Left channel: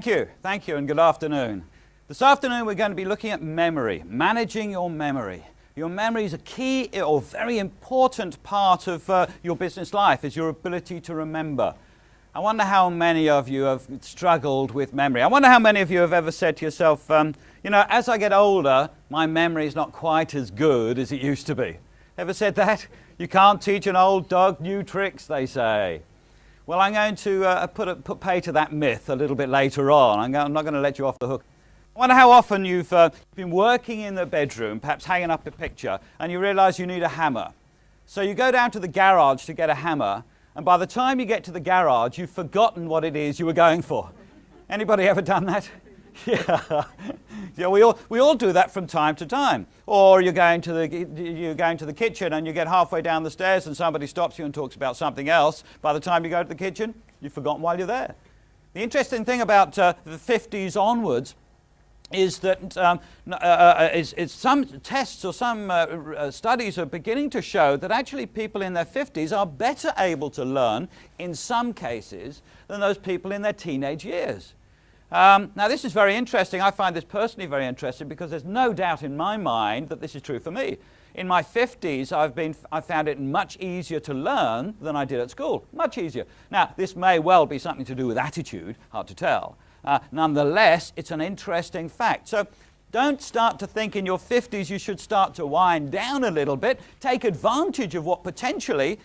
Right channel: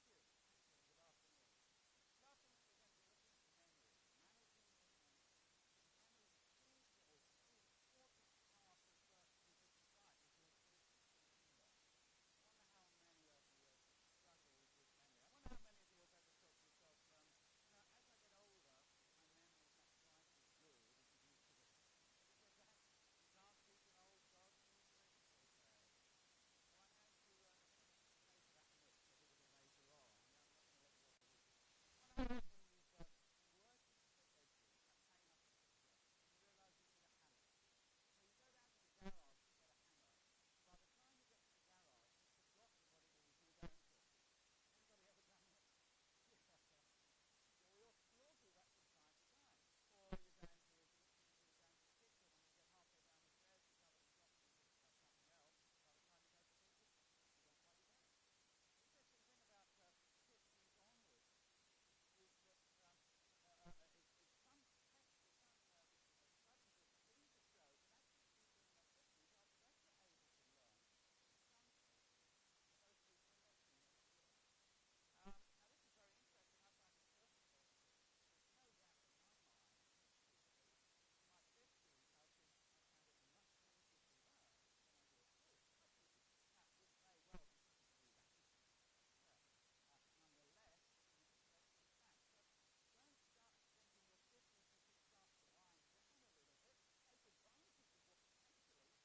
Thank you, and good afternoon. This afternoon we're going to be looking at memory, managing your memory. Your memory is a key or very important part of your business life, is your ability to remember. I wonder how many of you have struggled with memory. I wonder how many of you have ever said to yourself, you know, as I get older, my memory is not quite as good as it used to be. Ever said that? You can't teach an old dog new tricks, they say. Well, I'm going to put pay to that myth a little bit later on. I'm not going to let you off the hook. I wonder how often you've been working in the bedroom, perhaps hanging up a picture, and you realize you need a hammer. So you go down to the garage to get a hammer, and by the time you get to the garage, you've forgotten what it is you were going for. Anybody ever done that? Yeah. Yeah, we all do that from time to time. Or you're going to the kitchen and you get halfway down the stairs and somebody stops you and talks about something else. By the time you go to the kitchen, you've forgotten while you're there. The interesting thing about the 50s onwards is that some tests or some studies are beginning to show that actually people in their 50s are better able to learn in some cases than those people in their teenage years. Now this is very interesting. I find this personally very interesting because there's no doubt in my mind that this is true for me. In my 50s, I found it much easier to learn than I did at school. Much easier. Now, this may well be something to do with attitude, hard to tell. Nonetheless, it's an interesting fact. So don't start to think in your 50s you should start to wind down a little bit. Take advantage of what potentially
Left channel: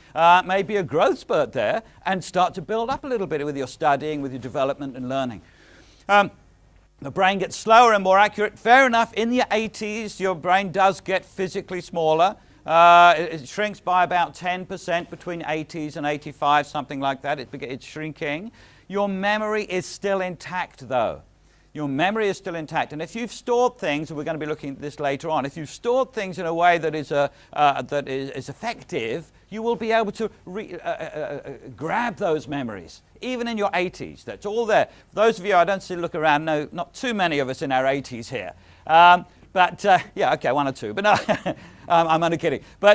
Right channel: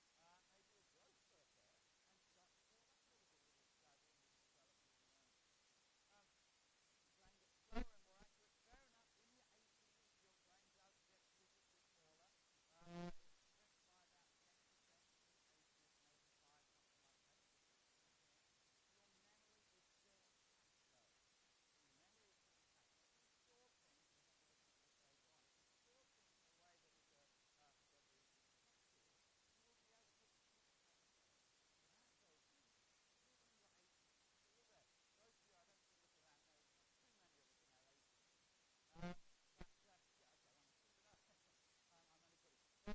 may be a growth spurt there and start to build up a little bit with your studying, with your development and learning. The brain gets slower and more accurate. Fair enough, in your 80s, your brain does get physically smaller. It shrinks by about 10% between 80s and 85, something like that. It's shrinking. Your memory is still intact, though. Your memory is still intact. And if you've stored things, and we're going to be looking at this later on, if you've stored things in a way that is effective, you will be able to grab those memories, even in your 80s. That's all there. For those of you, I don't see look around, no, not too many of us in our 80s here. Yeah, okay, one or two, but no, I'm only kidding. But